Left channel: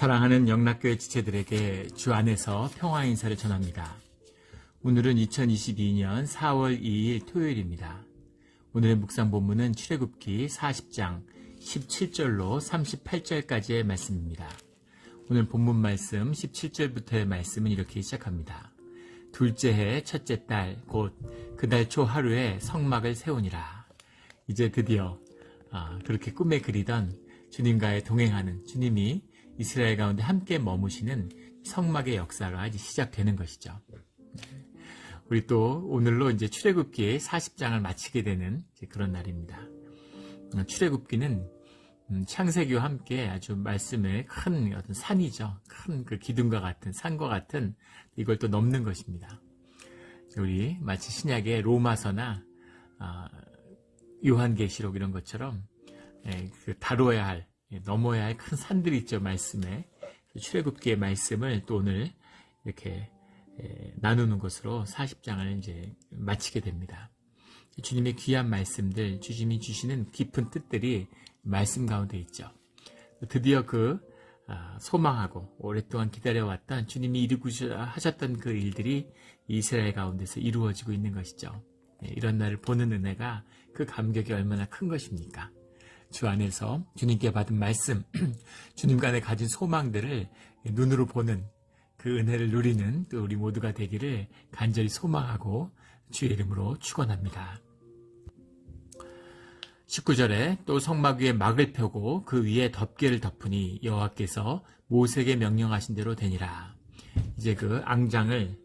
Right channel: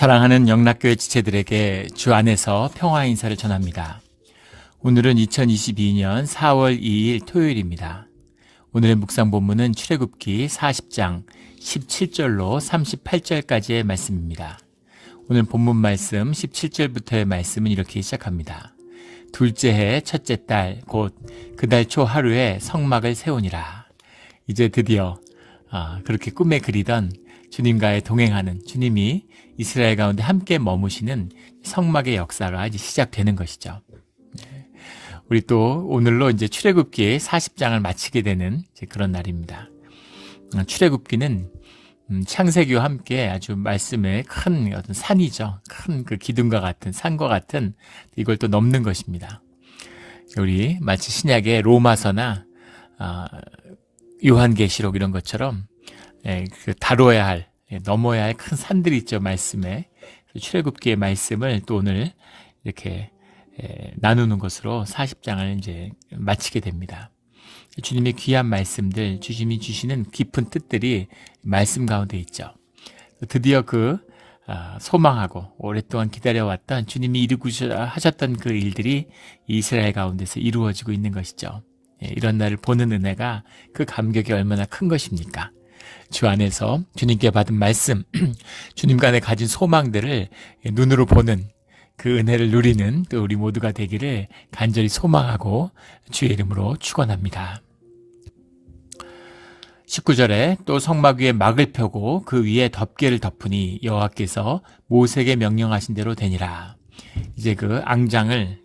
사랑하는 영락교회 지체들에게 주 안에서 평화 인사를 전합니다. 오늘은 2022년 4월 2일 토요일입니다. 오늘의 묵상 본문은 출애굽기 40장 17절로 38절까지의 말씀입니다. 오늘 본문 말씀 17절부터의 말씀은 이렇게 시작합니다. 둘째 해 첫째 달 곧 그 달 초 하루에 성막을 세우니라. 이제 드디어 그렇게 꿈에 그리던 주님과의 동행하는 주님이 이스라엘 가운데 함께 머무시는 성막의 역사가 이제 시작되는 것이죠. 우리 또 오늘로 이제 출애굽기의 40장을 마치게 되는 그런 날입니다. 출애굽기는 창세기와 함께 아주 말씀의 큰 어떤 산이죠. 큰 그 기둥과 같은 산과 같은 이걸 또 넘는 것입니다. 우리 마치 신약의 로마서나 요한계시록 이런 것처럼 그 다뤄야 할 넘어야 할 큰 산들이 있죠. 말씀에 출애굽기의 말씀을 또 오늘 이렇게 나누는 것으로 40장을 이제 마치게 됩니다. 주님의 귀한 말씀들, 주님이 주시는 깊은 뜻들이 말씀 가운데 있죠. 드디어 그 소망하고 오랫동안 기다려왔던 주님이 이루고자 하셨던 그 일들이 이스라엘 가운데서 이루어지고 있는 것이죠. 이런 날을 보는 은혜가 그 감격이 얼마나 큰 것입니까? 주 안에서 주님께 받은 말씀, 주님 간에 가진 소망들을 눈으로 보는 그 은혜를 누리는 또 우리 모두가 되기를 간절히 소망하고 주의 이름으로 축원합니다. 19절에 또 성막 위에 막을 펴고 그 위에 덮개를 덮으니 여호와께서 모세에게 명령하신 대로 되니라. 이제 그 앙장을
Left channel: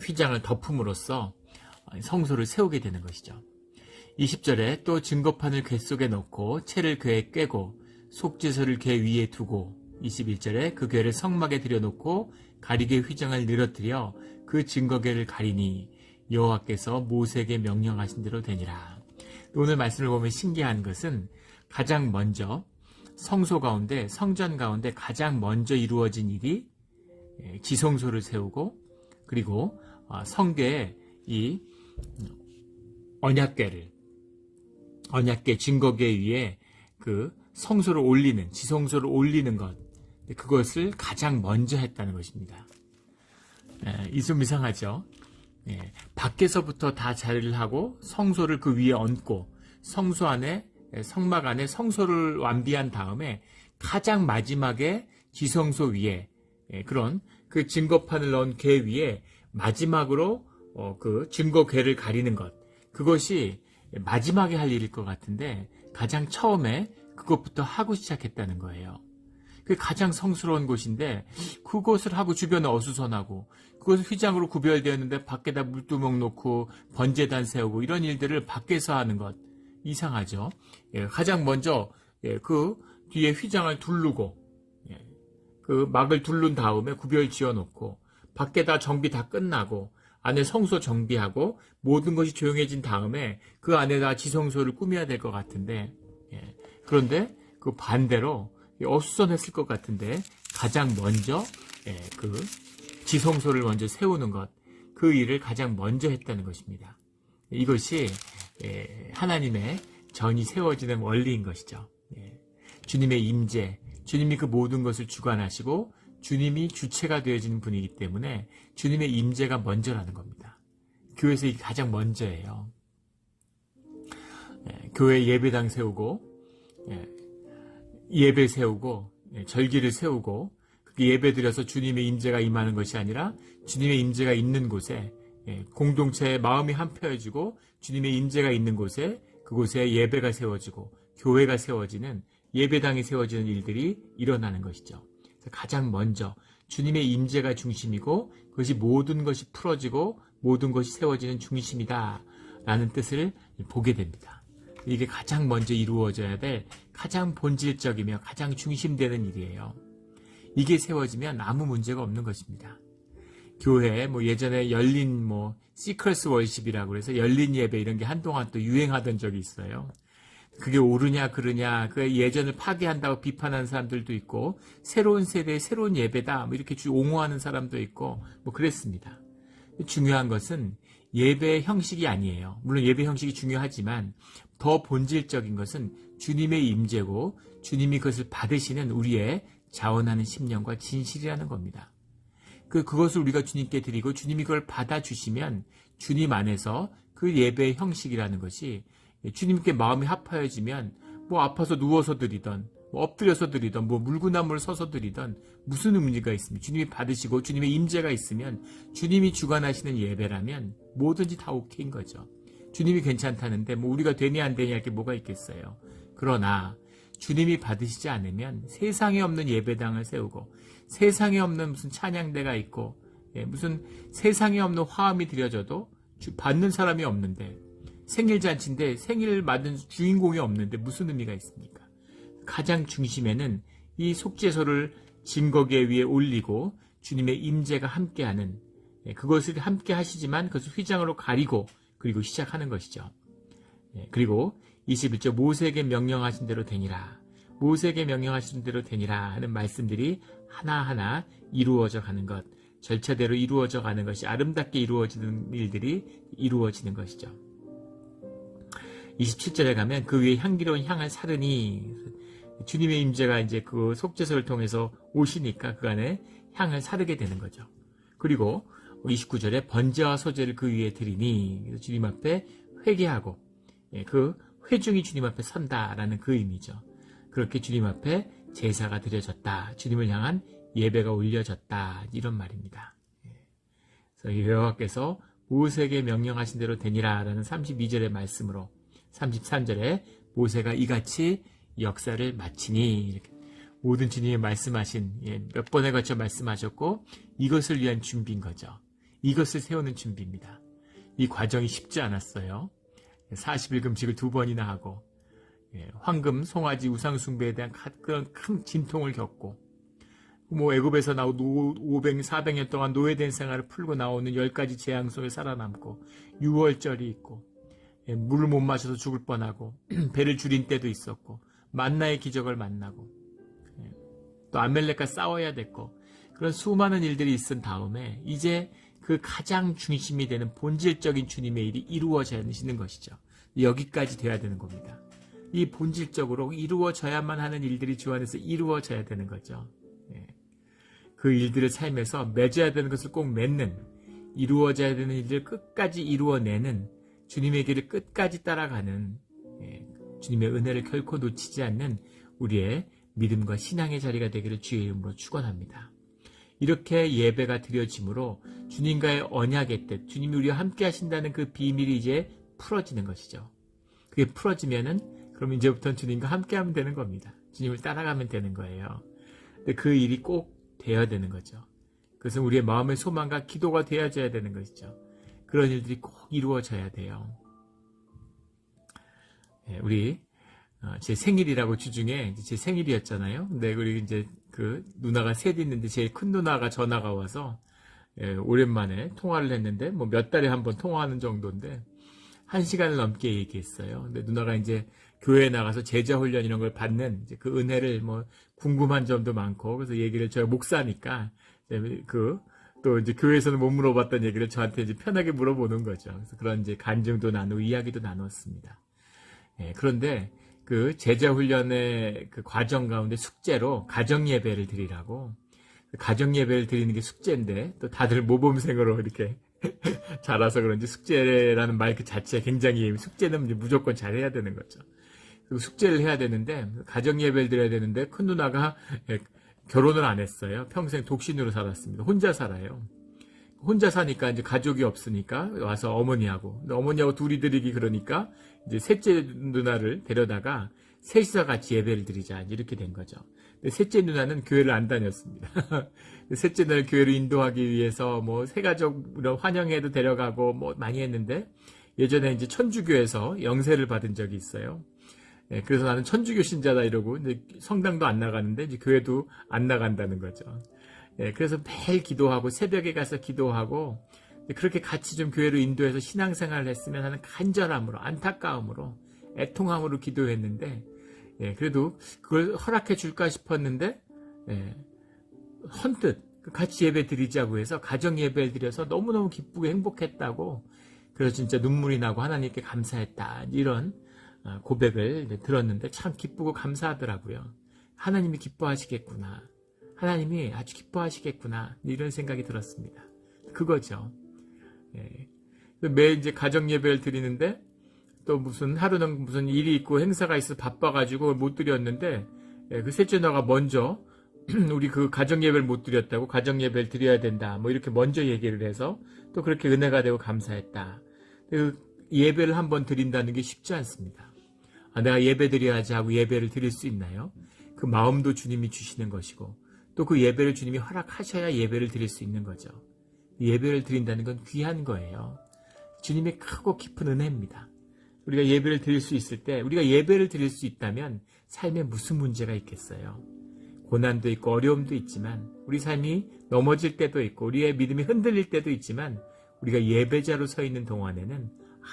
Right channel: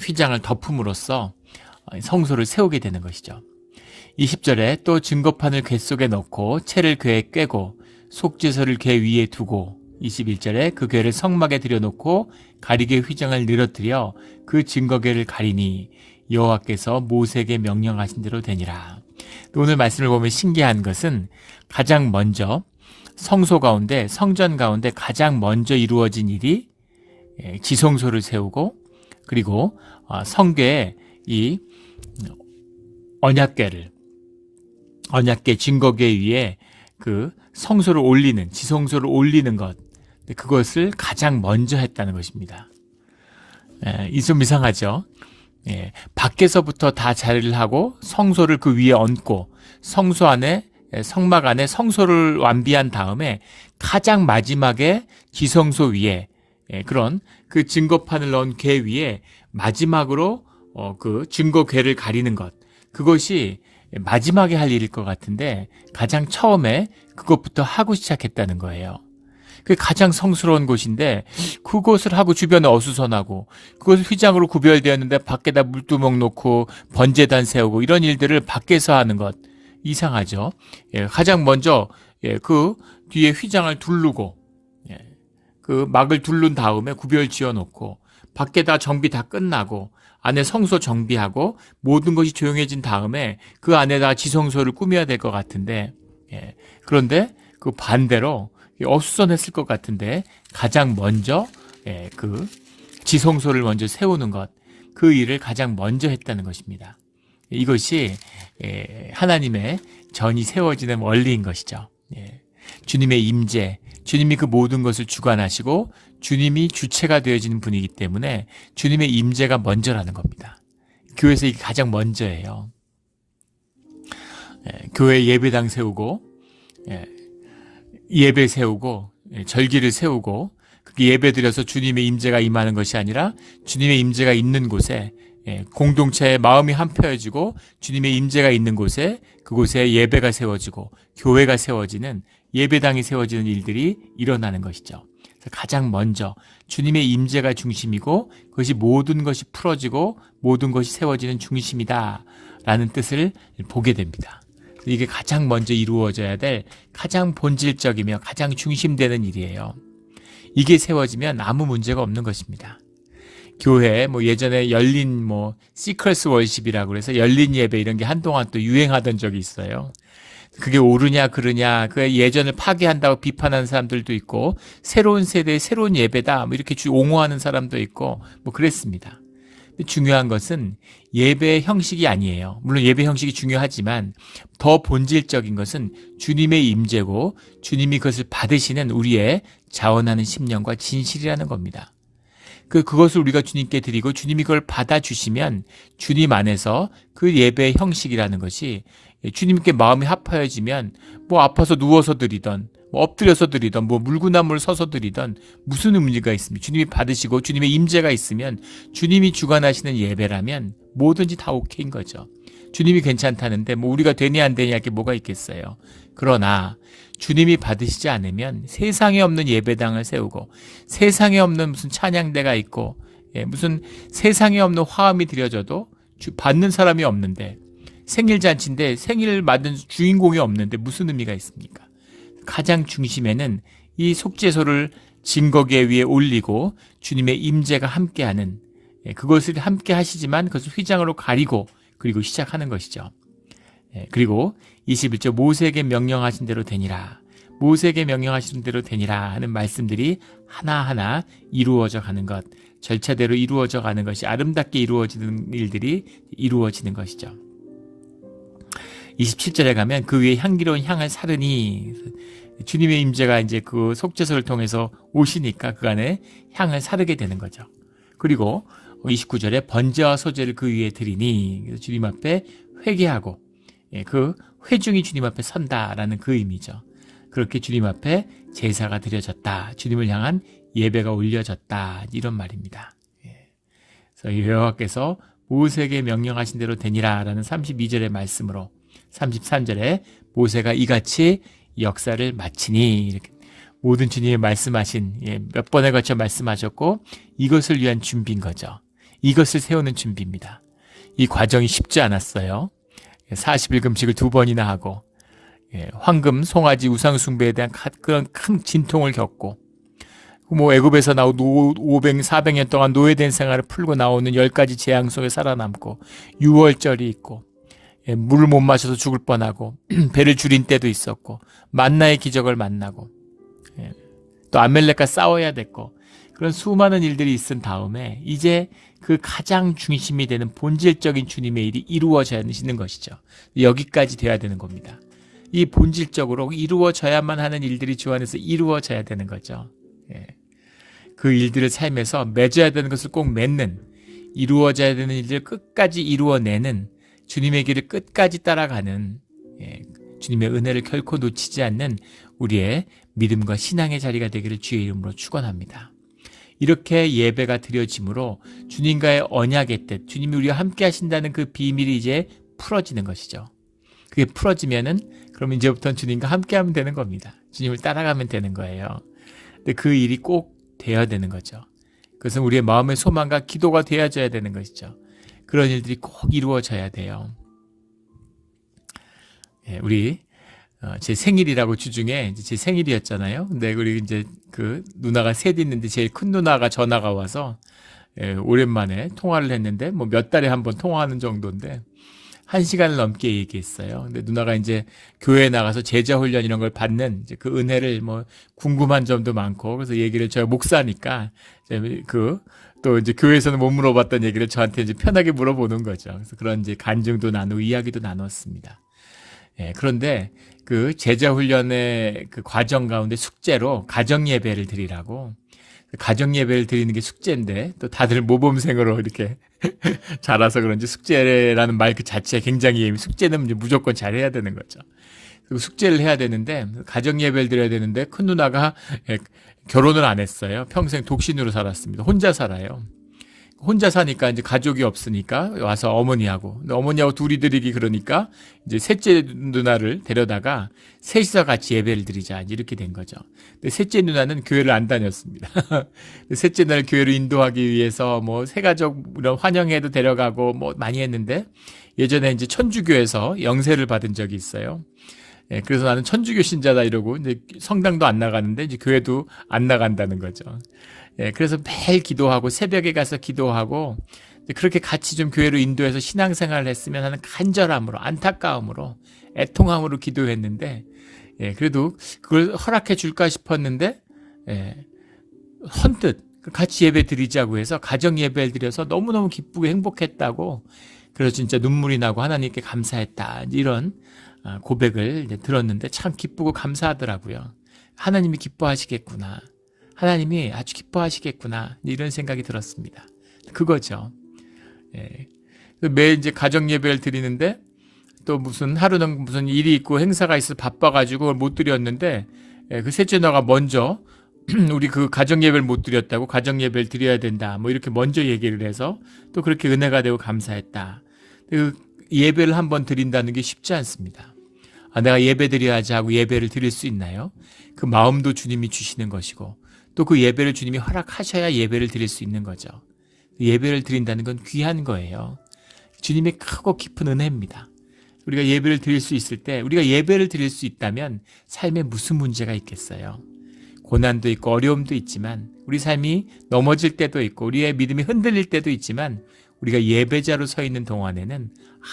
휘장을 덮음으로써 성소를 세우게 되는 것이죠. 20절에 또 증거판을 궤 속에 넣고 채를 궤에 꿰고 속죄소를 궤 위에 두고 21절에 그 궤를 성막에 들여놓고 가리개 휘장을 늘어뜨려 그 증거궤를 가리니 여호와께서 모세에게 명령하신 대로 되니라. 오늘 말씀을 보면 신기한 것은 가장 먼저 성소 가운데 성전 가운데 가장 먼저 이루어진 일이 지성소를 세우고 그리고 성궤에 이 언약궤 증거궤 위에 그 성소를 올리는 지성소를 올리는 것, 그것을 가장 먼저 했다는 것입니다. 이 좀 이상하죠. 밖에서부터 다 자리를 하고 성소를 그 위에 얹고 성소 안에 성막 안에 성소를 완비한 다음에 가장 마지막에 지성소 위에 그런 그 증거판을 넣은 궤 위에 마지막으로 그 증거궤를 가리는 것, 그것이 마지막에 할 일일 것 같은데 가장 처음에 그것부터 하고 시작했다는 거예요. 그게 가장 성스러운 곳인데 그곳을 하고 주변에 어수선하고 그것을 휘장으로 구별되었는데 밖에다 물두멍 놓고 번제단 세우고 이런 일들을 밖에서 하는 것 이상하죠. 가장 먼저 그 뒤에 휘장을 두르고 그 막을 두른 다음에 구별 지어놓고 밖에다 정비 다 끝나고 안에 성소 정비하고 모든 것이 조용해진 다음에 그 안에다 지성소를 꾸며야 될 것 같은데 그런데 그 반대로 어수선했을 것 같은데 가장 먼저 그 지성소를 먼저 세우는 것, 그 일을 가장 먼저 했다는 것입니다. 이것이 하나님의 전이 세워지는 원리인 것이죠. 주님의 임재, 주님이 그 모든 것을 주관하시고 주님이 주체가 되어지는 분이기 때문에 주님의 임재가 먼저라는 겁니다. 교회에서 이게 가장 먼저예요. 교회 예배당 세우고 예배 세우고 절기를 세우고 예배 드려서 주님의 임재가 임하는 것이 아니라 주님의 임재가 있는 곳에 공동체의 마음이 한펴지고 주님의 임재가 있는 곳에 그곳에 예배가 세워지고 교회가 세워지는 예배당이 세워지는 일들이 일어나는 것이죠. 가장 먼저 주님의 임재가 중심이고 그것이 모든 것이 풀어지고 모든 것이 세워지는 중심이다 라는 뜻을 보게 됩니다. 이게 가장 먼저 이루어져야 될 가장 본질적이며 가장 중심되는 일이에요. 이게 세워지면 아무 문제가 없는 것입니다. 교회 예전에 열린 시크릿 월십이라고 그래서 열린 예배 이런 게 한동안 또 유행하던 적이 있어요. 그게 옳으냐 그르냐 그 예전을 파괴한다고 비판하는 사람들도 있고 새로운 세대의 새로운 예배다 이렇게 옹호하는 사람도 있고 그랬습니다. 근데 중요한 것은 예배의 형식이 아니에요. 물론 예배 형식이 중요하지만 더 본질적인 것은 주님의 임재고 주님이 그것을 받으시는 우리의 자원하는 심령과 진실이라는 겁니다. 그것을 우리가 주님께 드리고 주님이 그걸 받아주시면 주님 안에서 그 예배의 형식이라는 것이 주님께 마음이 합하여지면 뭐 아파서 누워서 드리던 뭐 엎드려서 드리던 뭐 물구나무를 서서 드리던 무슨 의미가 있습니까? 주님이 받으시고 주님의 임재가 있으면 주님이 주관하시는 예배라면 뭐든지 다 오케이인 거죠. 주님이 괜찮다는데 뭐 우리가 되냐 안 되냐 게 뭐가 있겠어요. 그러나 주님이 받으시지 않으면 세상에 없는 예배당을 세우고 세상에 없는 무슨 찬양대가 있고 무슨 세상에 없는 화음이 드려져도 받는 사람이 없는데 생일잔치인데 생일을 맞는 주인공이 없는데 무슨 의미가 있습니까? 가장 중심에는 이 속죄소를 증거계 위에 올리고 주님의 임재가 함께하는 그것을 함께 하시지만 그것을 휘장으로 가리고 그리고 시작하는 것이죠. 그리고 21절 모세에게 명령하신 대로 되니라. 모세에게 명령하신 대로 되니라 하는 말씀들이 하나하나 이루어져 가는 것, 절차대로 이루어져 가는 것이 아름답게 이루어지는 일들이 이루어지는 것이죠. 27절에 가면 그 위에 향기로운 향을 사르니 주님의 임재가 이제 그 속죄소를 통해서 오시니까 그 안에 향을 사르게 되는 거죠. 그리고 29절에 번제와 소제를 그 위에 드리니 주님 앞에 회개하고 그 회중이 주님 앞에 선다라는 그 의미죠. 그렇게 주님 앞에 제사가 드려졌다. 주님을 향한 예배가 올려졌다. 이런 말입니다. 그래서 여호와께서 모세에게 명령하신 대로 되니라라는 32절의 말씀으로 33절에 모세가 이같이 역사를 마치니 이렇게 모든 주님이 말씀하신 몇 번에 걸쳐 말씀하셨고 이것을 위한 준비인 거죠. 이것을 세우는 준비입니다. 이 과정이 쉽지 않았어요. 40일 금식을 2번이나 하고 황금, 송아지, 우상숭배에 대한 그런 큰 진통을 겪고 뭐 애굽에서 나온 500, 400년 동안 노예된 생활을 풀고 나오는 10가지 재앙 속에 살아남고 6월절이 있고 물을 못 마셔서 죽을 뻔하고 배를 줄인 때도 있었고 만나의 기적을 만나고 또 아멜렉과 싸워야 됐고 그런 수많은 일들이 있은 다음에 이제 그 가장 중심이 되는 본질적인 주님의 일이 이루어지는 것이죠. 여기까지 돼야 되는 겁니다. 이 본질적으로 이루어져야만 하는 일들이 주 안에서 이루어져야 되는 거죠. 그 일들을 삶에서 맺어야 되는 것을 꼭 맺는 이루어져야 되는 일들을 끝까지 이루어내는 주님의 길을 끝까지 따라가는 주님의 은혜를 결코 놓치지 않는 우리의 믿음과 신앙의 자리가 되기를 주의 이름으로 축원합니다. 이렇게 예배가 드려짐으로 주님과의 언약의 뜻, 주님이 우리와 함께 하신다는 그 비밀이 이제 풀어지는 것이죠. 그게 풀어지면은 그럼 이제부터는 주님과 함께 하면 되는 겁니다. 주님을 따라가면 되는 거예요. 근데 그 일이 꼭 되어야 되는 거죠. 그것은 우리의 마음의 소망과 기도가 되어져야 되는 것이죠. 그런 일들이 꼭 이루어져야 돼요. 우리 제 생일이라고 주중에 제 생일이었잖아요. 근데 우리 이제 그 누나가 셋 있는데 제일 큰 누나가 전화가 와서 오랜만에 통화를 했는데 뭐 몇 달에 한 번 통화하는 정도인데 1시간을 넘게 얘기했어요. 근데 누나가 이제 교회에 나가서 제자 훈련 이런 걸 받는 이제 그 은혜를 뭐 궁금한 점도 많고 그래서 얘기를 제가 목사니까 또 이제 교회에서는 못 물어봤던 얘기를 저한테 이제 편하게 물어보는 거죠. 그래서 그런 이제 간증도 나누고 이야기도 나눴습니다. 그런데 그 제자 훈련의 그 과정 가운데 숙제로 가정 예배를 드리라고 가정 예배를 드리는 게 숙제인데 또 다들 모범생으로 이렇게 자라서 그런지 숙제라는 말 그 자체가 굉장히 숙제는 이제 무조건 잘해야 되는 거죠. 그리고 숙제를 해야 되는데 가정 예배를 드려야 되는데 큰 누나가 결혼을 안 했어요. 평생 독신으로 살았습니다. 혼자 살아요. 혼자 사니까 이제 가족이 없으니까 와서 어머니하고 둘이 드리기 그러니까 이제 셋째 누나를 데려다가 셋이서 같이 예배를 드리자 이렇게 된 거죠. 근데 셋째 누나는 교회를 안 다녔습니다. 셋째 누나를 교회로 인도하기 위해서 뭐 새가족 이런 환영회도 데려가고 뭐 많이 했는데 예전에 이제 천주교에서 영세를 받은 적이 있어요. 그래서 나는 천주교 신자다 이러고 이제 성당도 안 나가는데 이제 교회도 안 나간다는 거죠. 그래서 매일 기도하고 새벽에 가서 기도하고 그렇게 같이 좀 교회로 인도해서 신앙생활을 했으면 하는 간절함으로 안타까움으로 애통함으로 기도했는데 그래도 그걸 허락해 줄까 싶었는데 헌뜻 같이 예배 드리자고 해서 가정 예배를 드려서 너무너무 기쁘고 행복했다고, 그래서 진짜 눈물이 나고 하나님께 감사했다, 이런 고백을 이제 들었는데 참 기쁘고 감사하더라고요. 하나님이 기뻐하시겠구나, 하나님이 아주 기뻐하시겠구나, 이런 생각이 들었습니다. 그거죠. 예. 매일 이제 가정 예배를 드리는데 또 무슨 하루는 무슨 일이 있고 행사가 있어 바빠가지고 못 드렸는데, 그 셋째 누나가 먼저 우리 그 가정 예배를 못 드렸다고, 가정 예배를 드려야 된다, 뭐 이렇게 먼저 얘기를 해서 또 그렇게 은혜가 되고 감사했다. 그 예배를 한번 드린다는 게 쉽지 않습니다. 내가 예배 드려야지 하고 예배를 드릴 수 있나요? 그 마음도 주님이 주시는 것이고, 또 그 예배를 주님이 허락하셔야 예배를 드릴 수 있는 거죠. 예배를 드린다는 건 귀한 거예요. 주님의 크고 깊은 은혜입니다. 우리가 예배를 드릴 수 있을 때, 우리가 예배를 드릴 수 있다면 삶에 무슨 문제가 있겠어요? 고난도 있고 어려움도 있지만, 우리 삶이 넘어질 때도 있고 우리의 믿음이 흔들릴 때도 있지만, 우리가 예배자로 서 있는 동안에는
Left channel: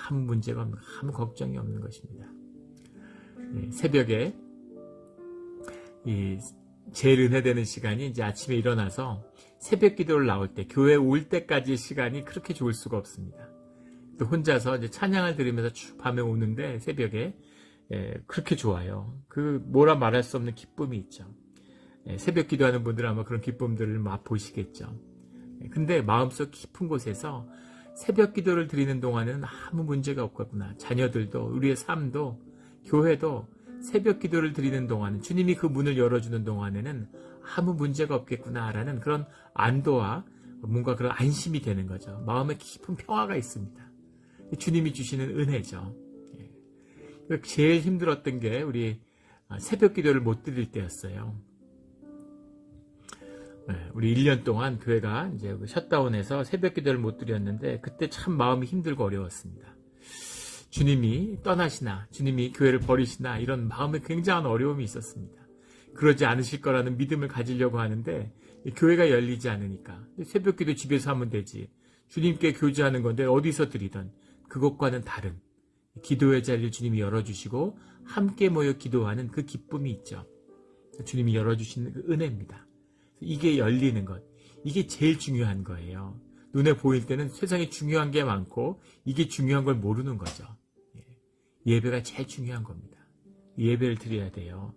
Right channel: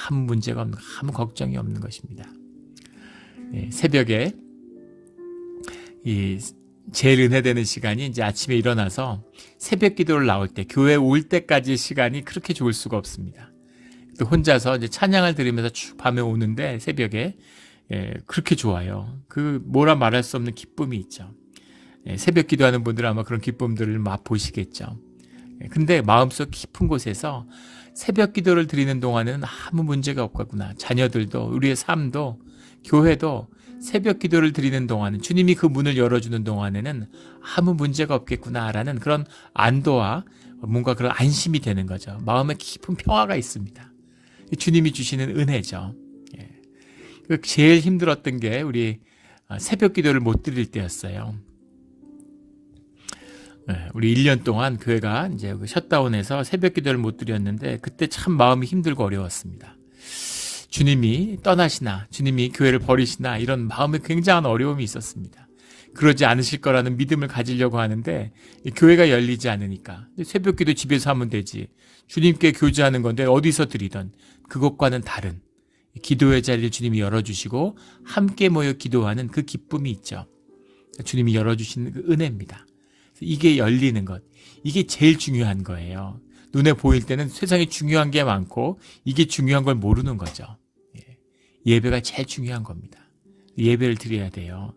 아무 문제가 없는, 아무 걱정이 없는 것입니다. 새벽에 제일 은혜되는 시간이 이제 아침에 일어나서 새벽 기도를 나올 때, 교회 올 때까지의 시간이 그렇게 좋을 수가 없습니다. 또 혼자서 이제 찬양을 들으면서 쭉 밤에 오는데 새벽에 그렇게 좋아요. 그 뭐라 말할 수 없는 기쁨이 있죠. 새벽 기도하는 분들은 아마 그런 기쁨들을 맛보시겠죠. 근데 마음속 깊은 곳에서 새벽 기도를 드리는 동안은 아무 문제가 없겠구나. 자녀들도, 우리의 삶도, 교회도 새벽 기도를 드리는 동안은, 주님이 그 문을 열어주는 동안에는 아무 문제가 없겠구나라는 그런 안도와 뭔가 그런 안심이 되는 거죠. 마음에 깊은 평화가 있습니다. 주님이 주시는 은혜죠. 제일 힘들었던 게 우리 새벽 기도를 못 드릴 때였어요. 우리 1년 동안 교회가 이제 셧다운해서 새벽 기도를 못 드렸는데, 그때 참 마음이 힘들고 어려웠습니다. 주님이 떠나시나, 주님이 교회를 버리시나, 이런 마음에 굉장한 어려움이 있었습니다. 그러지 않으실 거라는 믿음을 가지려고 하는데 교회가 열리지 않으니까, 새벽 기도 집에서 하면 되지, 주님께 교제하는 건데 어디서 드리던, 그것과는 다른 기도의 자리를 주님이 열어주시고 함께 모여 기도하는 그 기쁨이 있죠. 주님이 열어주시는 그 은혜입니다. 이게 열리는 것, 이게 제일 중요한 거예요. 눈에 보일 때는 세상에 중요한 게 많고 이게 중요한 걸 모르는 거죠. 예배가 제일 중요한 겁니다. 예배를 드려야 돼요.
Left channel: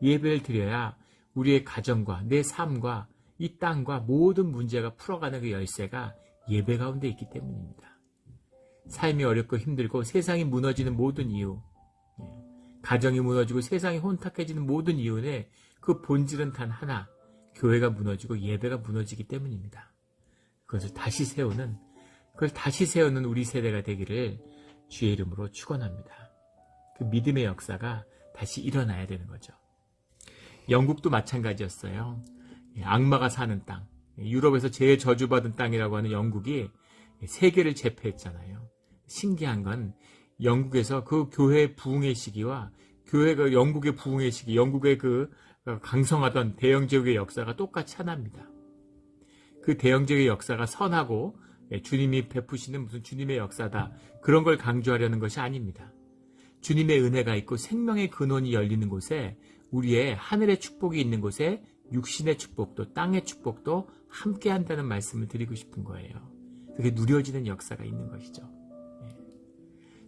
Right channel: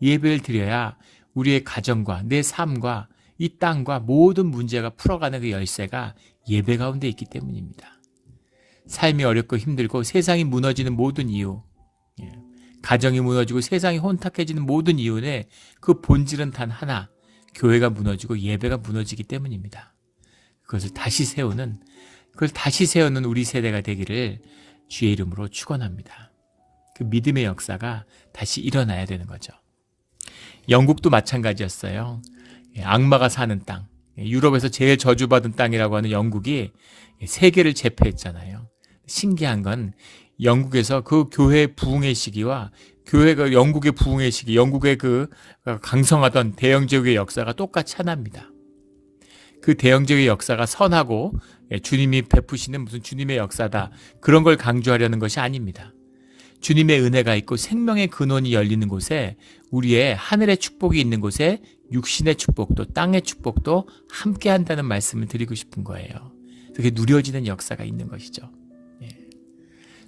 예배를 드려야 우리의 가정과 내 삶과 이 땅과 모든 문제가 풀어가는 그 열쇠가 예배 가운데 있기 때문입니다. 삶이 어렵고 힘들고 세상이 무너지는 모든 이유, 가정이 무너지고 세상이 혼탁해지는 모든 이유는 그 본질은 단 하나, 교회가 무너지고 예배가 무너지기 때문입니다. 그걸 다시 세우는 우리 세대가 되기를 주의 이름으로 축원합니다. 그 믿음의 역사가 다시 일어나야 되는 거죠. 영국도 마찬가지였어요. 악마가 사는 땅, 유럽에서 제일 저주받은 땅이라고 하는 영국이 세계를 제패했잖아요. 신기한 건 영국에서 그 교회의 부흥의 시기와 교회가 영국의 부흥의 시기, 영국의 그 강성하던 대영제국의 역사가 똑같이 하나입니다. 그 대영제국의 역사가 선하고 주님이 베푸시는 무슨 주님의 역사다, 그런 걸 강조하려는 것이 아닙니다. 주님의 은혜가 있고 생명의 근원이 열리는 곳에, 우리의 하늘의 축복이 있는 곳에 육신의 축복도 땅의 축복도 함께 한다는 말씀을 드리고 싶은 거예요. 그게 누려지는 역사가 있는 것이죠.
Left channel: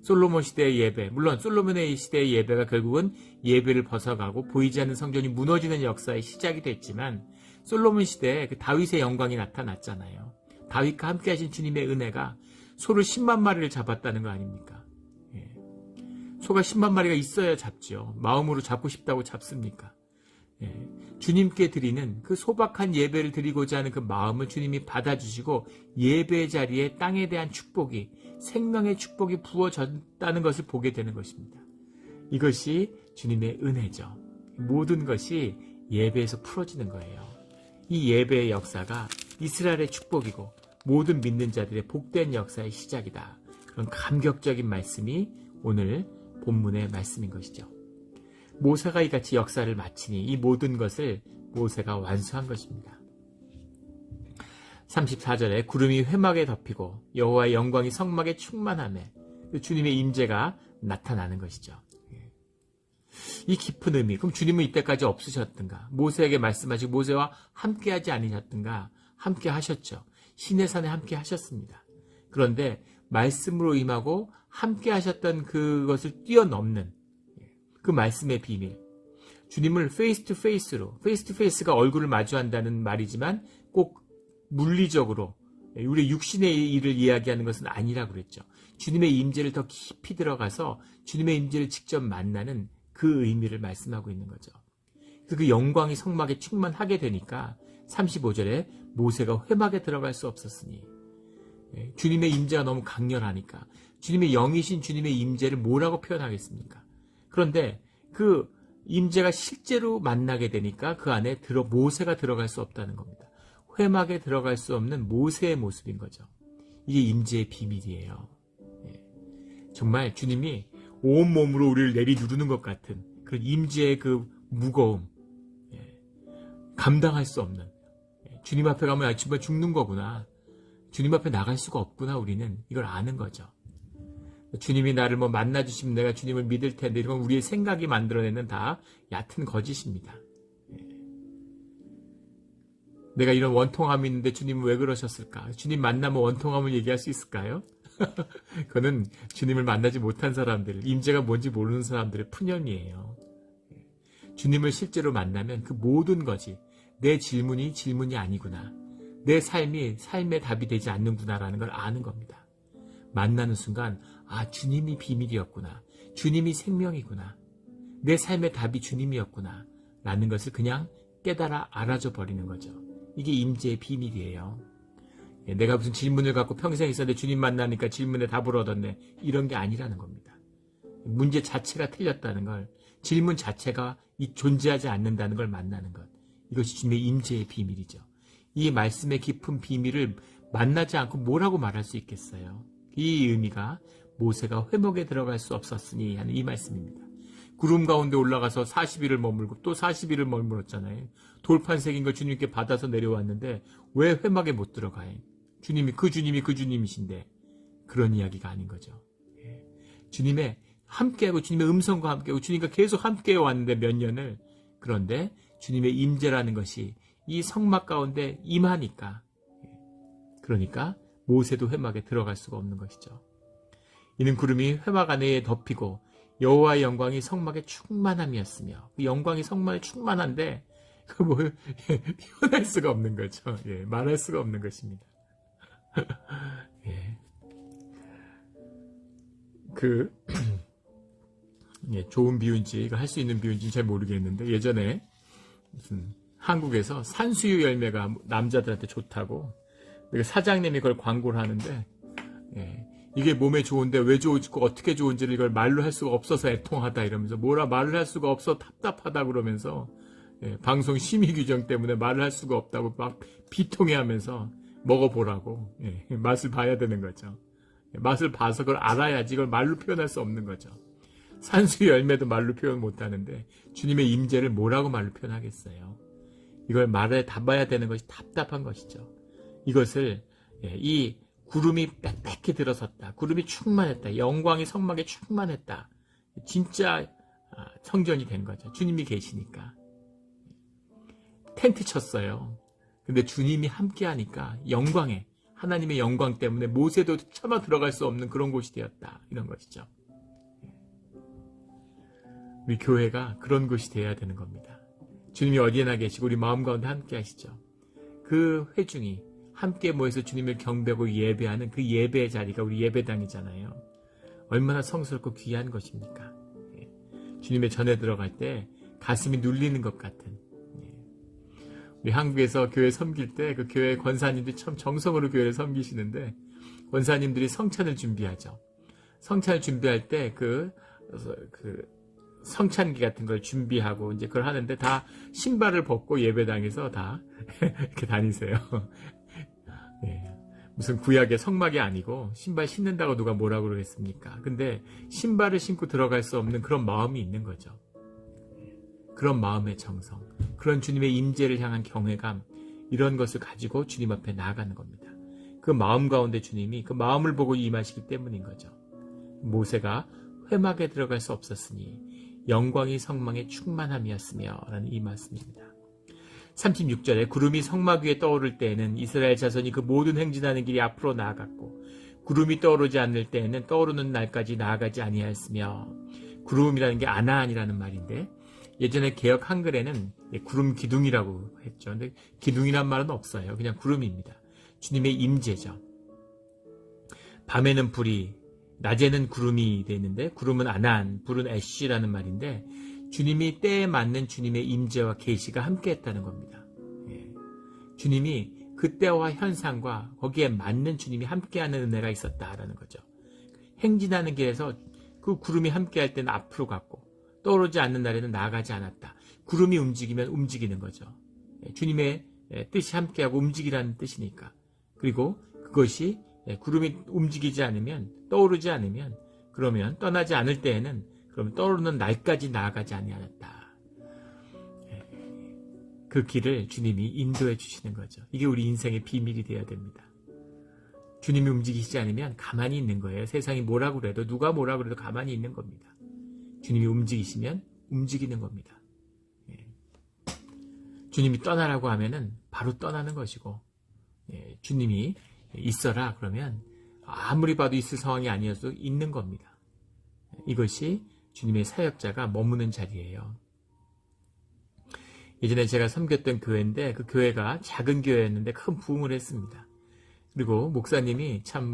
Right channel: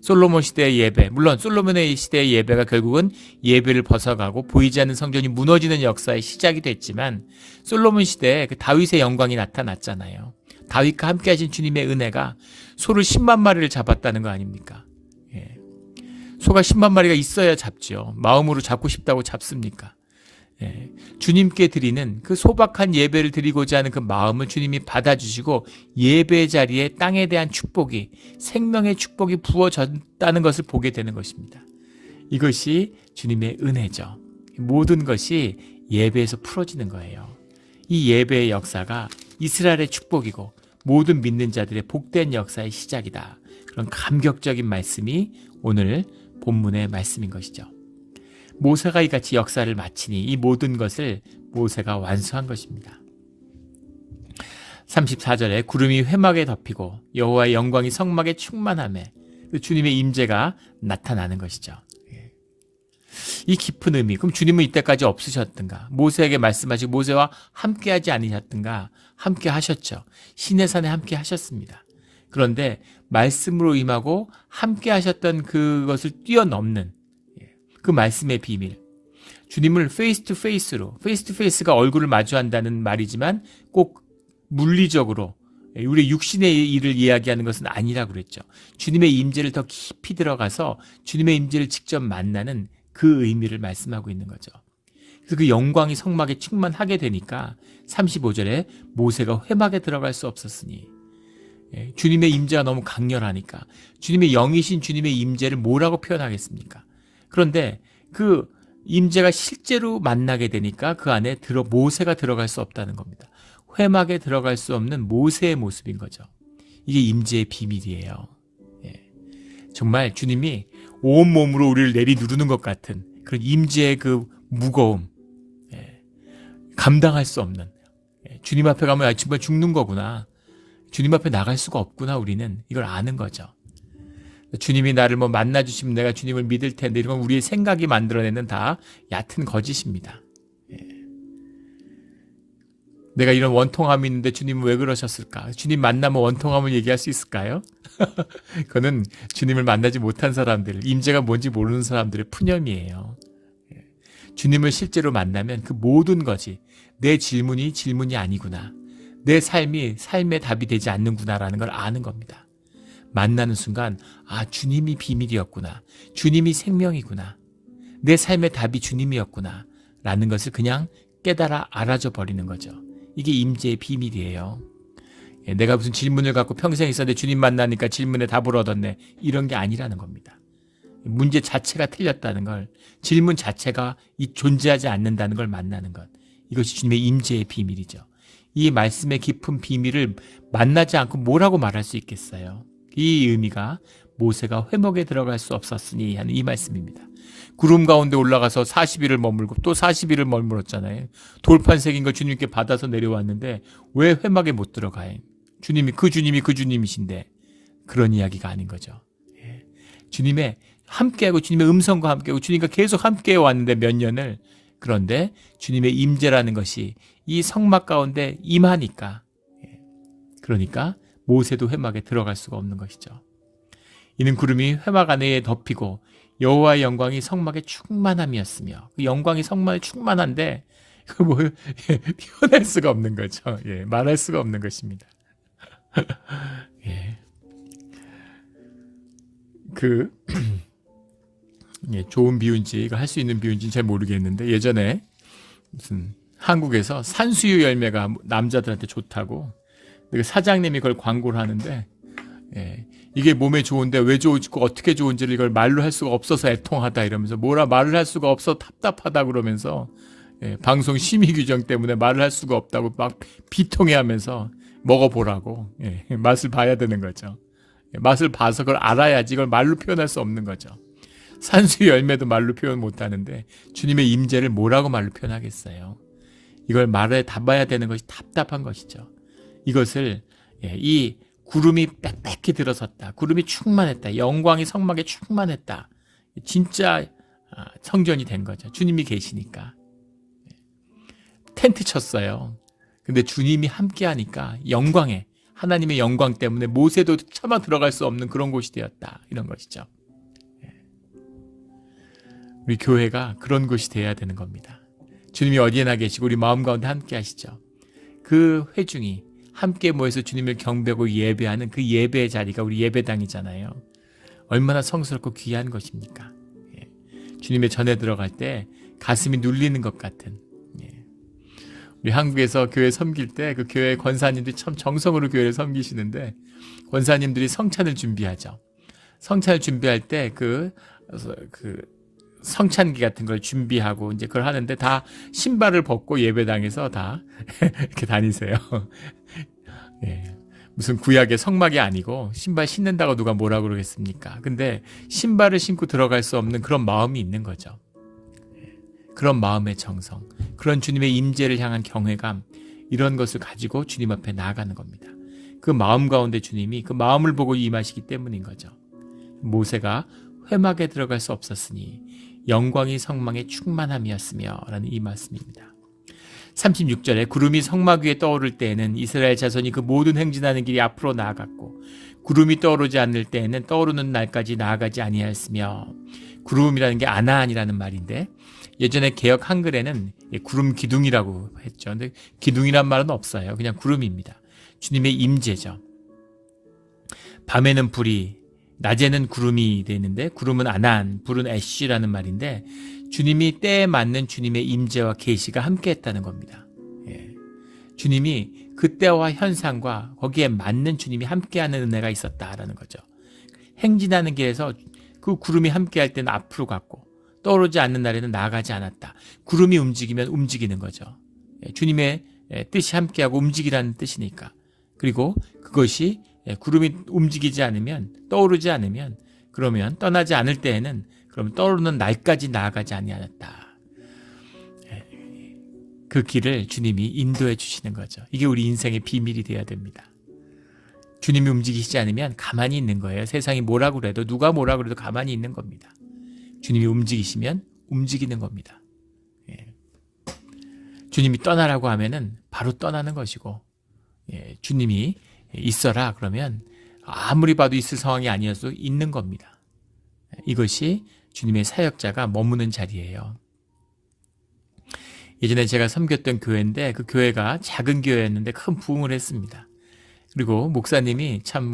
솔로몬 시대의 예배, 물론 솔로몬의 시대의 예배가 결국은 예배를 벗어가고 보이지 않는 성전이 무너지는 역사의 시작이 됐지만, 솔로몬 시대에 그 다윗의 영광이 나타났잖아요. 다윗과 함께 하신 주님의 은혜가 소를 10만 마리를 잡았다는 거 아닙니까? 소가 10만 마리가 있어야 잡죠. 마음으로 잡고 싶다고 잡습니까? 주님께 드리는 그 소박한 예배를 드리고자 하는 그 마음을 주님이 받아주시고 예배 자리에 땅에 대한 축복이, 생명의 축복이 부어졌다는 것을 보게 되는 것입니다. 이것이 주님의 은혜죠. 모든 것이 예배에서 풀어지는 거예요. 이 예배의 역사가 이스라엘의 축복이고 모든 믿는 자들의 복된 역사의 시작이다. 그런 감격적인 말씀이 오늘 본문의 말씀인 것이죠. 모세가 이같이 역사를 마치니 이 모든 것을 모세가 완수한 것입니다. 34절에 구름이 회막에 덮이고 여호와의 영광이 성막에 충만하매, 주님의 임재가 나타나는 것이죠. 이 깊은 의미, 그럼 주님은 이때까지 없으셨던가? 모세에게 말씀하시고 모세와 함께하지 않으셨던가? 함께 하셨죠. 시내산에 함께 하셨습니다. 그런데 말씀으로 임하고 함께 하셨던 그것을 뛰어넘는 그 말씀의 비밀. 주님을 페이스 투 페이스로, 페이스 투 페이스가 얼굴을 마주한다는 말이지만 꼭 물리적으로 우리 육신의 일을 이야기하는 것은 아니라 그랬죠. 주님의 임재를 더 깊이 들어가서 주님의 임재를 직접 만나는 그 의미를 말씀하고 있는 거죠. 그래서 그 영광이 성막에 충만하게 되니까 35절에 모세가 회막에 들어갈 수 없었으니, 주님의 임재가 너무 강렬하니까 주님의 영이신 주님의 임재를 뭐라고 표현하겠습니까? 그런데 그 임재가 실제로 만나게 되니까 그 안에 모세가 들어갈 수 없다는 겁니다. 회막에 들어갈 수 없는 모세의 모습인 거죠. 이게 임재의 비밀이에요. 정말 주님이 온몸으로 우리를 내리누르는 것 같은 그런 임재의 그 무거움, 감당할 수 없는, 주님 앞에 가면 정말 죽는 거구나, 주님 앞에 나갈 수가 없구나, 우리는 이걸 아는 거죠. 주님이 나를 만나주시면 내가 주님을 믿을 텐데, 이런 건 우리의 생각이 만들어내는 다 얕은 거짓입니다. 내가 이런 원통함이 있는데 주님은 왜 그러셨을까? 주님 만나면 원통함을 얘기할 수 있을까요? 그거는 주님을 만나지 못한 사람들, 임재가 뭔지 모르는 사람들의 푸념이에요. 주님을 실제로 만나면 그 모든 것이 내 질문이 아니구나, 내 삶이 삶의 답이 되지 않는구나라는 걸 아는 겁니다. 만나는 순간 주님이 비밀이었구나, 주님이 생명이구나, 내 삶의 답이 주님이었구나 라는 것을 그냥 깨달아 알아줘 버리는 거죠. 이게 임재의 비밀이에요. 내가 무슨 질문을 갖고 평생 있었는데 주님 만나니까 질문에 답을 얻었네, 이런 게 아니라는 겁니다. 문제 자체가 틀렸다는 걸, 질문 자체가 존재하지 않는다는 걸 만나는 것, 이것이 주님의 임재의 비밀이죠. 이 말씀의 깊은 비밀을 만나지 않고 뭐라고 말할 수 있겠어요? 이 의미가 모세가 회막에 들어갈 수 없었으니 하는 이 말씀입니다. 구름 가운데 올라가서 40일을 머물고 또 40일을 머물었잖아요. 돌판 새긴 걸 주님께 받아서 내려왔는데 왜 회막에 못 들어가요? 주님이 그 주님이신데, 그런 이야기가 아닌 거죠. 주님의 함께하고 주님의 음성과 함께하고 주님과 계속 함께해 왔는데 몇 년을, 그런데 주님의 임재라는 것이 이 성막 가운데 임하니까, 그러니까 모세도 회막에 들어갈 수가 없는 것이죠. 이는 구름이 회막 안에 덮이고 여호와의 영광이 성막에 충만함이었으며, 그 영광이 성막에 충만한데 표현할 수가 없는 거죠. 말할 수가 없는 것입니다. 좋은 비유인지 할 수 있는 비유인지는 잘 모르겠는데, 예전에 무슨 한국에서 산수유 열매가 남자들한테 좋다고 사장님이 그걸 광고를 하는데, 이게 몸에 좋은데 왜 좋고 어떻게 좋은지를 이걸 말로 할 수가 없어서 애통하다 이러면서, 뭐라 말을 할 수가 없어 답답하다 그러면서, 방송 심의 규정 때문에 말을 할 수가 없다고 막 비통해하면서 먹어보라고, 맛을 봐야 되는 거죠. 맛을 봐서 그걸 알아야지 이걸 말로 표현할 수 없는 거죠. 산수 열매도 말로 표현 못하는데 주님의 임재를 뭐라고 말로 표현하겠어요? 이걸 말에 담아야 되는 것이 답답한 것이죠. 이것을 이 구름이 빽빽히 들어섰다, 구름이 충만했다, 영광이 성막에 충만했다, 진짜 성전이 된 거죠. 주님이 계시니까 텐트 쳤어요. 근데 주님이 함께 하니까 영광에, 하나님의 영광 때문에 모세도 차마 들어갈 수 없는 그런 곳이 되었다, 이런 것이죠. 우리 교회가 그런 곳이 되어야 되는 겁니다. 주님이 어디에나 계시고 우리 마음 가운데 함께 하시죠. 그 회중이 함께 모여서 주님을 경배하고 예배하는 그 예배의 자리가 우리 예배당이잖아요. 얼마나 성스럽고 귀한 것입니까? 주님의 전에 들어갈 때 가슴이 눌리는 것 같은, 우리 한국에서 교회 섬길 때 그 교회 권사님들이 참 정성으로 교회를 섬기시는데, 권사님들이 성찬을 준비하죠. 성찬을 준비할 때 그 성찬기 같은 걸 준비하고 이제 그걸 하는데, 다 신발을 벗고 예배당에서 다 이렇게 다니세요. 무슨 구약의 성막이 아니고 신발 신는다고 누가 뭐라 그러겠습니까? 근데 신발을 신고 들어갈 수 없는 그런 마음이 있는 거죠. 그런 마음의 정성, 그런 주님의 임재를 향한 경외감, 이런 것을 가지고 주님 앞에 나아가는 겁니다. 그 마음 가운데 주님이 그 마음을 보고 임하시기 때문인 거죠. 모세가 회막에 들어갈 수 없었으니 영광이 성막에 충만함이었으며 라는 이 말씀입니다. 36절에 구름이 성막 위에 떠오를 때에는 이스라엘 자손이 그 모든 행진하는 길이 앞으로 나아갔고 구름이 떠오르지 않을 때에는 떠오르는 날까지 나아가지 아니하였으며, 구름이라는 게 아나안이라는 말인데 예전에 개역 한글에는 구름 기둥이라고 했죠. 근데 기둥이란 말은 없어요. 그냥 구름입니다. 주님의 임재죠. 밤에는 불이, 낮에는 구름이 되는데 구름은 아난, 불은 애쉬라는 말인데 주님이 때에 맞는 주님의 임재와 계시가 함께했다는 겁니다. 주님이 그때와 현상과 거기에 맞는 주님이 함께하는 은혜가 있었다라는 거죠. 행진하는 길에서 그 구름이 함께할 때는 앞으로 갔고 떠오르지 않는 날에는 나아가지 않았다. 구름이 움직이면 움직이는 거죠. 주님의 뜻이 함께하고 움직이라는 뜻이니까. 그리고 그것이 구름이 움직이지 않으면, 떠오르지 않으면, 그러면 떠나지 않을 때에는 그럼 떠오르는 날까지 나아가지 아니하였다. 그 길을 주님이 인도해 주시는 거죠. 이게 우리 인생의 비밀이 되어야 됩니다. 주님이 움직이시지 않으면 가만히 있는 거예요. 세상이 뭐라고 그래도, 누가 뭐라고 그래도 가만히 있는 겁니다. 주님이 움직이시면 움직이는 겁니다. 주님이 떠나라고 하면은 바로 떠나는 것이고, 주님이 있어라 그러면 아무리 봐도 있을 상황이 아니어도 있는 겁니다. 이것이 주님의 사역자가 머무는 자리예요. 예전에 제가 섬겼던 교회인데 그 교회가 작은 교회였는데 큰 부흥을 했습니다. 그리고 목사님이 참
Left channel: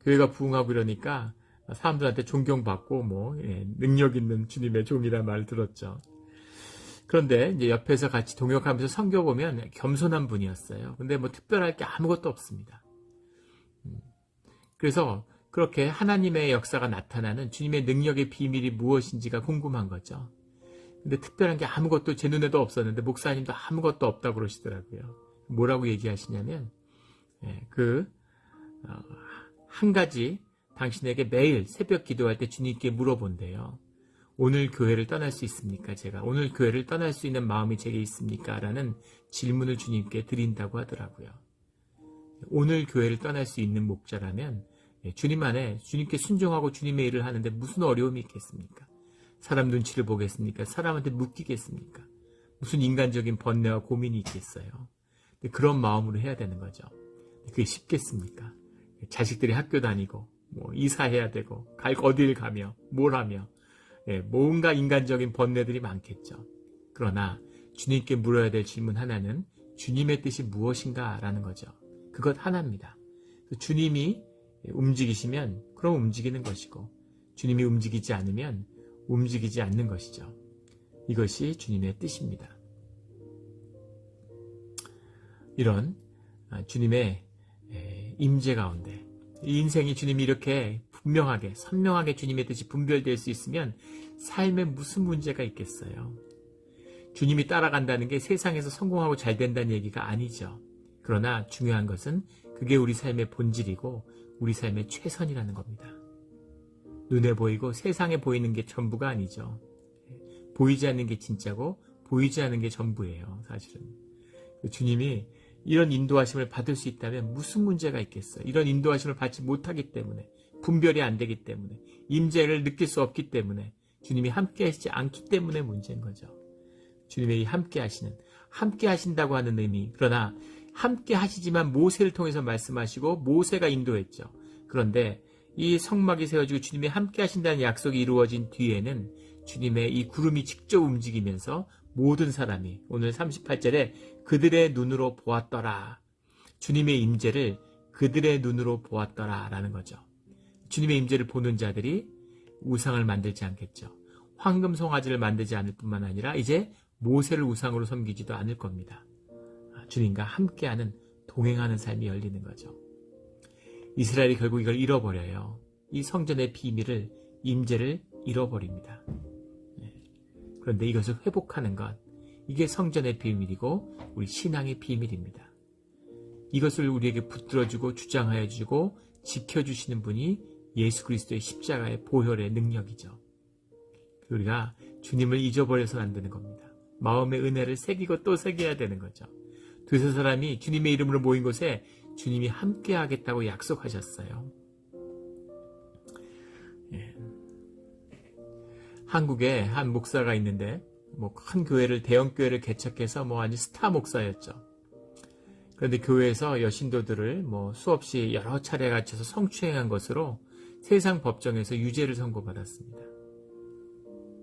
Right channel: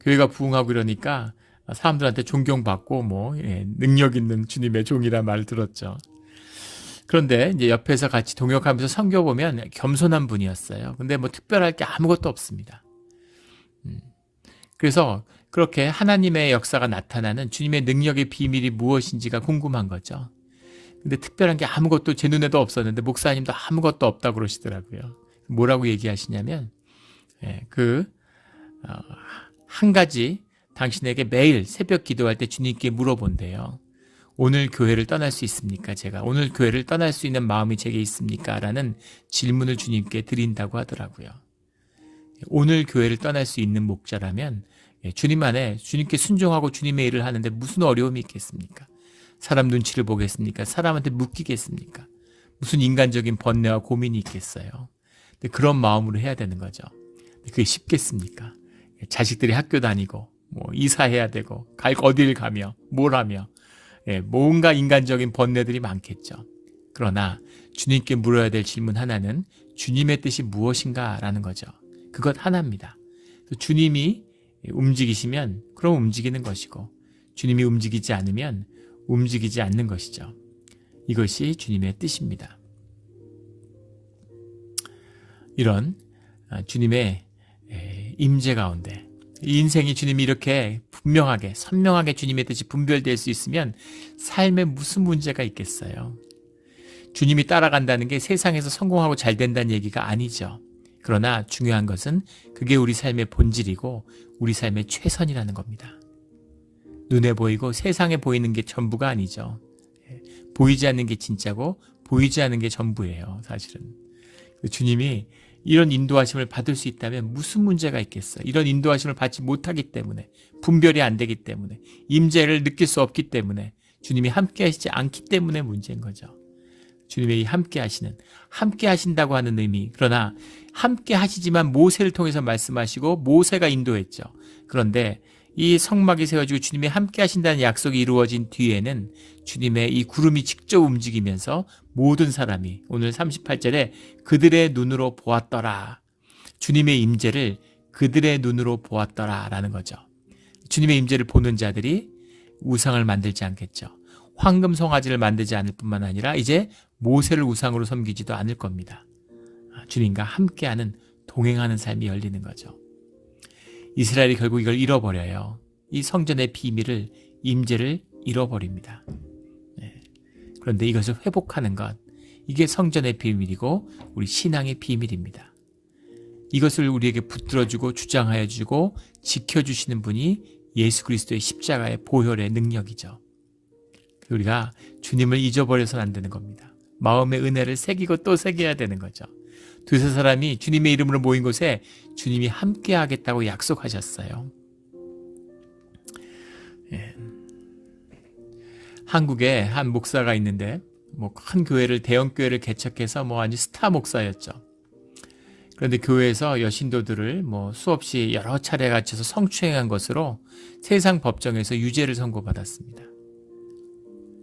교회가 부흥하고 이러니까 사람들한테 존경받고 능력 있는 주님의 종이란 말을 들었죠. 그런데 이제 옆에서 같이 동역하면서 섬겨보면 겸손한 분이었어요. 근데 특별할 게 아무것도 없습니다. 그래서 그렇게 하나님의 역사가 나타나는 주님의 능력의 비밀이 무엇인지가 궁금한 거죠. 근데 특별한 게 아무것도 제 눈에도 없었는데 목사님도 아무것도 없다고 그러시더라고요. 뭐라고 얘기하시냐면 한 가지 당신에게 매일 새벽 기도할 때 주님께 물어본대요. 오늘 교회를 떠날 수 있습니까? 제가 오늘 교회를 떠날 수 있는 마음이 제게 있습니까? 라는 질문을 주님께 드린다고 하더라고요. 오늘 교회를 떠날 수 있는 목자라면 주님 안에 주님께 순종하고 주님의 일을 하는데 무슨 어려움이 있겠습니까? 사람 눈치를 보겠습니까? 사람한테 묶이겠습니까? 무슨 인간적인 번뇌와 고민이 있겠어요? 근데 그런 마음으로 해야 되는 거죠. 그게 쉽겠습니까? 자식들이 학교 다니고 이사해야 되고 어딜 가며 뭘 하며 뭔가 인간적인 번뇌들이 많겠죠. 그러나 주님께 물어야 될 질문 하나는 주님의 뜻이 무엇인가 라는 거죠. 그것 하나입니다. 주님이 움직이시면 그럼 움직이는 것이고 주님이 움직이지 않으면 움직이지 않는 것이죠. 이것이 주님의 뜻입니다. 이런 주님의 임재 가운데 이 인생이 주님이 이렇게 분명하게 선명하게 주님의 뜻이 분별될 수 있으면 삶에 무슨 문제가 있겠어요. 주님이 따라간다는 게 세상에서 성공하고 잘 된다는 얘기가 아니죠. 그러나 중요한 것은 그게 우리 삶의 본질이고 우리 삶의 최선이라는 겁니다. 눈에 보이고 세상에 보이는 게 전부가 아니죠. 보이지 않는 게 진짜고 보이지 않는 게 전부예요. 사실은. 주님이 이런 인도하심을 받을 수 있다면 무슨 문제가 있겠어요. 이런 인도하심을 받지 못하기 때문에, 분별이 안 되기 때문에, 임재를 느낄 수 없기 때문에, 주님이 함께 하시지 않기 때문에 문제인 거죠. 주님의 이 함께 하신다고 하는 의미, 그러나 함께 하시지만 모세를 통해서 말씀하시고 모세가 인도했죠. 그런데 이 성막이 세워지고 주님이 함께 하신다는 약속이 이루어진 뒤에는 주님의 이 구름이 직접 움직이면서 모든 사람이 오늘 38절에 그들의 눈으로 보았더라. 주님의 임재를 그들의 눈으로 보았더라 라는 거죠. 주님의 임재를 보는 자들이 우상을 만들지 않겠죠. 황금 송아지를 만들지 않을 뿐만 아니라 이제 모세를 우상으로 섬기지도 않을 겁니다. 주님과 함께하는 동행하는 삶이 열리는 거죠. 이스라엘이 결국 이걸 잃어버려요. 이 성전의 비밀을, 임재를 잃어버립니다. 그런데 이것을 회복하는 것, 이게 성전의 비밀이고 우리 신앙의 비밀입니다. 이것을 우리에게 붙들어주고 주장하여주고 지켜주시는 분이 예수 그리스도의 십자가의 보혈의 능력이죠. 우리가 주님을 잊어버려서는 안 되는 겁니다. 마음의 은혜를 새기고 또 새겨야 되는 거죠. 두세 사람이 주님의 이름으로 모인 곳에 주님이 함께 하겠다고 약속하셨어요. 한국에 한 목사가 있는데 뭐 큰 교회를 대형 교회를 개척해서 뭐 아주 스타 목사였죠. 그런데 교회에서 여신도들을 뭐 수없이 여러 차례 갇혀서 성추행한 것으로 세상 법정에서 유죄를 선고받았습니다.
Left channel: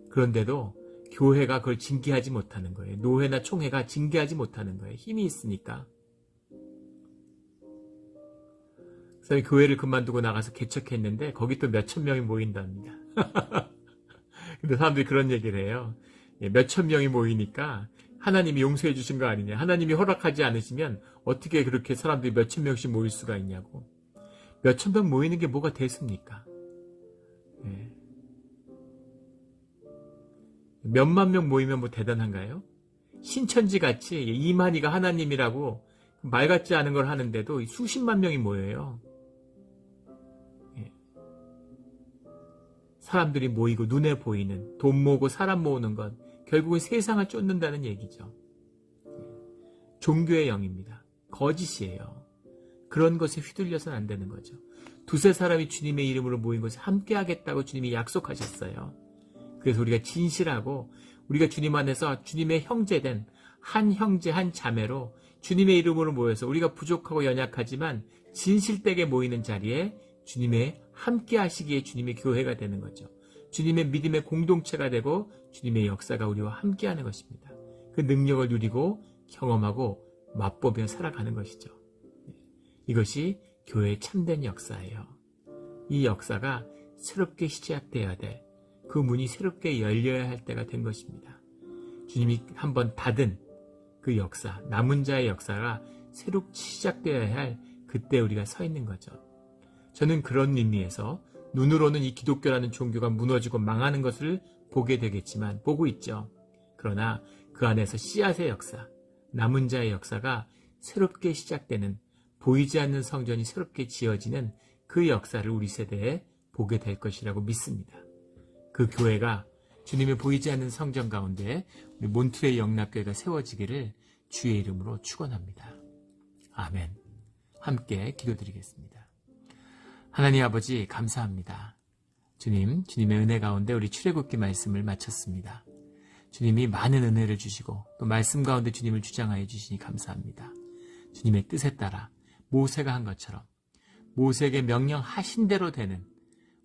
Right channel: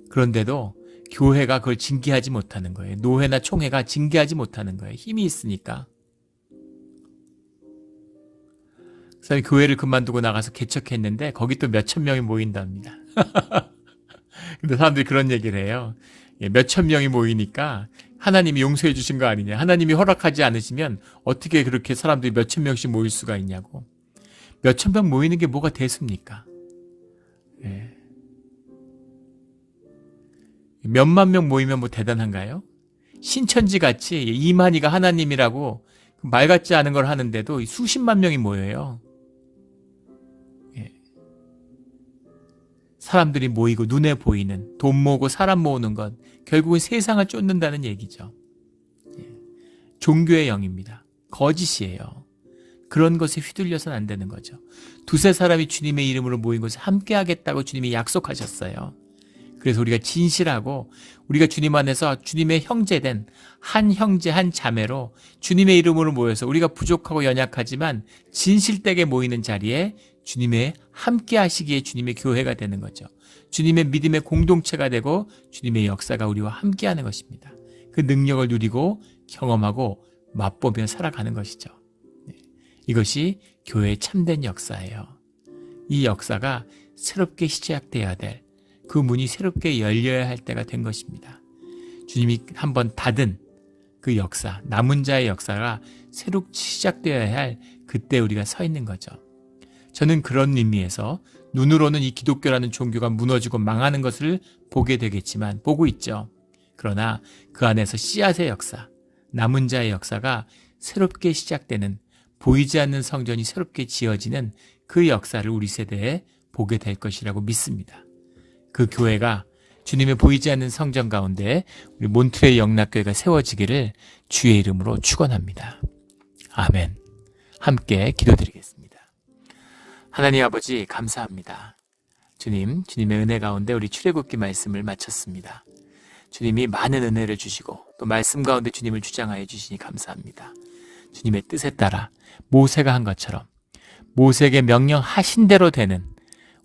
그런데도 교회가 그걸 징계하지 못하는 거예요. 노회나 총회가 징계하지 못하는 거예요. 힘이 있으니까. 그 사람이 교회를 그만두고 나가서 개척했는데 거기 또 몇천 명이 모인답니다. 근데 사람들이 그런 얘기를 해요. 몇천 명이 모이니까 하나님이 용서해 주신 거 아니냐. 하나님이 허락하지 않으시면 어떻게 그렇게 사람들이 몇천 명씩 모일 수가 있냐고. 몇천 명 모이는 게 뭐가 대수입니까? 예. 몇만 명 모이면 뭐 대단한가요? 신천지 같이 이만희가 하나님이라고 말 같지 않은 걸 하는데도 수십만 명이 모여요. 예. 사람들이 모이고 눈에 보이는 돈 모으고 사람 모으는 건 결국은 세상을 쫓는다는 얘기죠. 예. 종교의 영입니다. 거짓이에요. 그런 것에 휘둘려서는 안 되는 거죠. 두세 사람이 주님의 이름으로 모인 것을 함께 하겠다고 주님이 약속하셨어요. 그래서 우리가 진실하고 우리가 주님 안에서 주님의 형제된 한 형제 한 자매로 주님의 이름으로 모여서 우리가 부족하고 연약하지만 진실되게 모이는 자리에 주님의 함께 하시기에 주님의 교회가 되는 거죠. 주님의 믿음의 공동체가 되고 주님의 역사가 우리와 함께 하는 것입니다. 그 능력을 누리고 경험하고 맛보며 살아가는 것이죠. 이것이 교회의 참된 역사예요. 이 역사가 새롭게 시작돼야 될 그 문이 새롭게 열려야 할 때가 된 것입니다. 주님이 한번 닫은 그 역사, 남은 자의 역사가 새롭게 시작되어야 할 그때 우리가 서 있는 거죠. 저는 그런 의미에서 눈으로는 이 기독교라는 종교가 무너지고 망하는 것을 보게 되겠지만 보고 있죠. 그러나 그 안에서 씨앗의 역사, 남은 자의 역사가 새롭게 시작되는 보이지 않는 성전이 새롭게 지어지는 그 역사를 우리 세대에 보게 될 것이라고 믿습니다. 그 교회가 주님의 보이지 않는 성전 가운데 우리 몬트레이 영락교회가 세워지기를 주의 이름으로 축원합니다. 아멘. 함께 기도드리겠습니다. 하나님 아버지 감사합니다. 주님, 주님의 은혜 가운데 우리 출애굽기 말씀을 마쳤습니다. 주님이 많은 은혜를 주시고 또 말씀 가운데 주님을 주장하여 주시니 감사합니다. 주님의 뜻에 따라 모세가 한 것처럼 모세에게 명령하신 대로 되는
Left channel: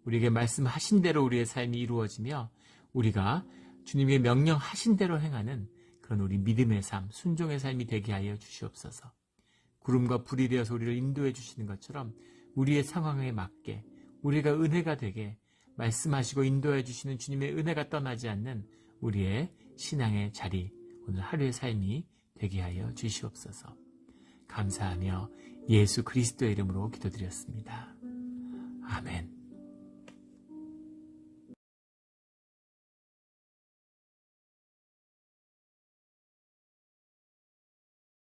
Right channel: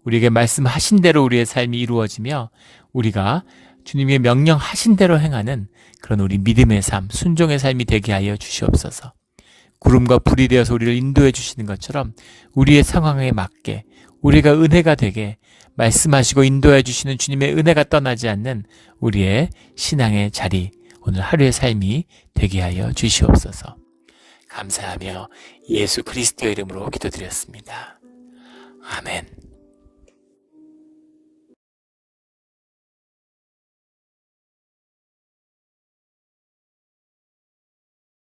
우리에게 말씀하신 대로 우리의 삶이 이루어지며 우리가 주님의 명령하신 대로 행하는 그런 우리 믿음의 삶, 순종의 삶이 되게 하여 주시옵소서. 구름과 불이 되어서 우리를 인도해 주시는 것처럼 우리의 상황에 맞게 우리가 은혜가 되게 말씀하시고 인도해 주시는 주님의 은혜가 떠나지 않는 우리의 신앙의 자리, 오늘 하루의 삶이 되게 하여 주시옵소서. 감사하며 예수 그리스도의 이름으로 기도드렸습니다. 아멘.